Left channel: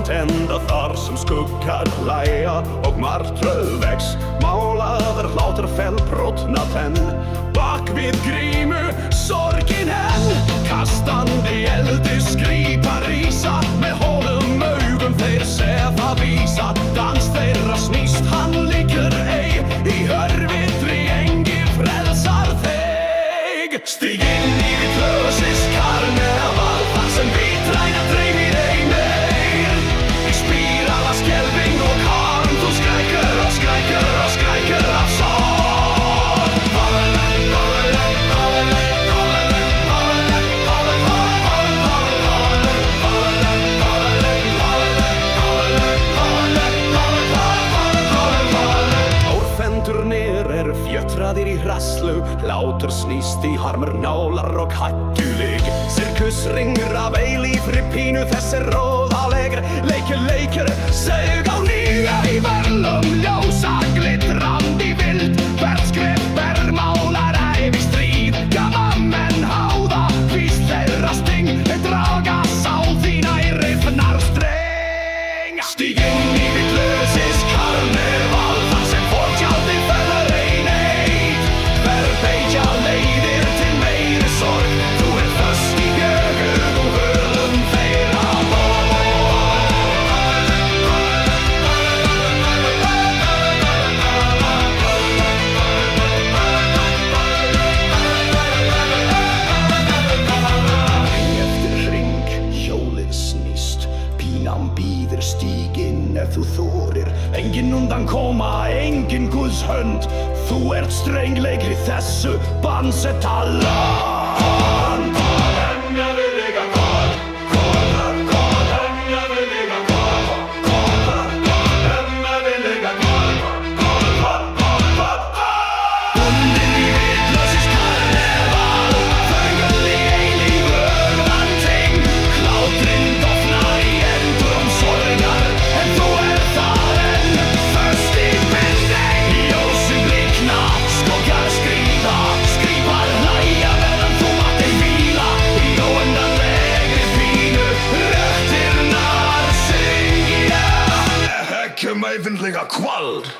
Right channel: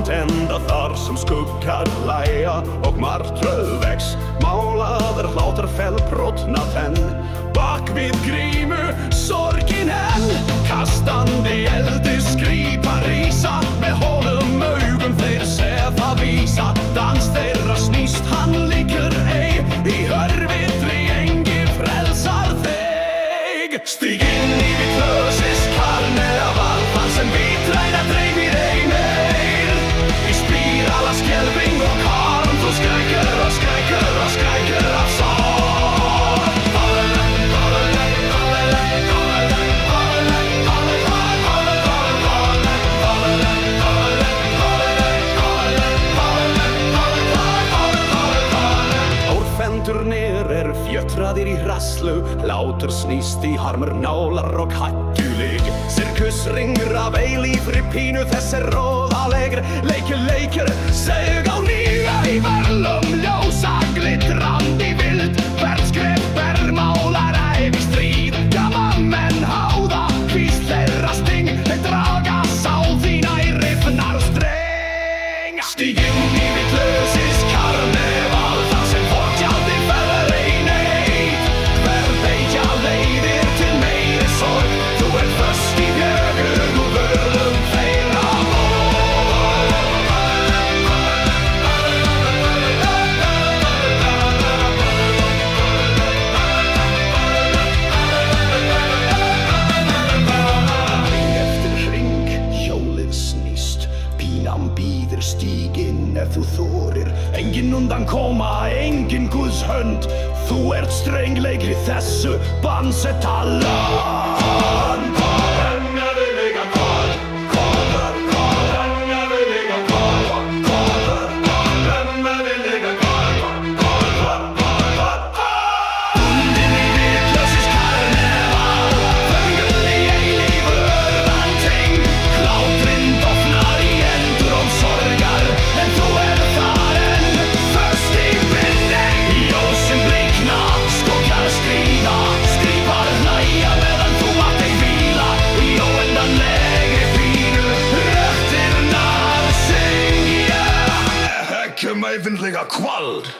långt ända þar sem skuggar læja og martröð vex. Málaður hláturfell brotna tenn, bak við grímu sorgin henn. Kastandi eldi skrípar rísa, með hólum augum þeir sefa vísa. Dans þeirra snýst, hann líkur ei, í örvitri engi frelsar þig. Stíg inn í vitlausis karneval, þar sem vitræna dreymir ei meir. Í spírala skelfing og karm, þú skrækur og skrækur og skrækur af sorg. Fendurnir fjötraðir í hraslu, hlátur snýst í harmur, nálar og hættuleg. Sirkusringur af eilífri pínu, þess róðalegr. Leikir, seg á nýja í verlum, ljósa glittrandi vild. Hvert skref málar ævi stríð, gamma menn háða, víst þeirra sting. Þeir draga sál þína í rifnar streng. Stíg inn í vitlausis karneval, þar sem fortjaldi fellur ei neitt. Beitja leiðir til meiri sorg, þú föst í bjögug og völum þeirra Hring eftir hring, hjólið snýst. Pínan býður, stíg inn ef þú þorir. Engin undan koma, engin Guðs hönd. Þú strengleikri þessu bansetta land. Bundin í vitlausis karneval, föngul í eilífu örvænting. Hláturinn dofnar í endurum sorgar, en þú þar enn, föst í binding. Ljósin blikna, skuggar skríða, skrípar hlæja meðan þú mátt ei hvíla. Í óendanlegri pínu, röktirnar syngja. Höggum ævinlega kvöld.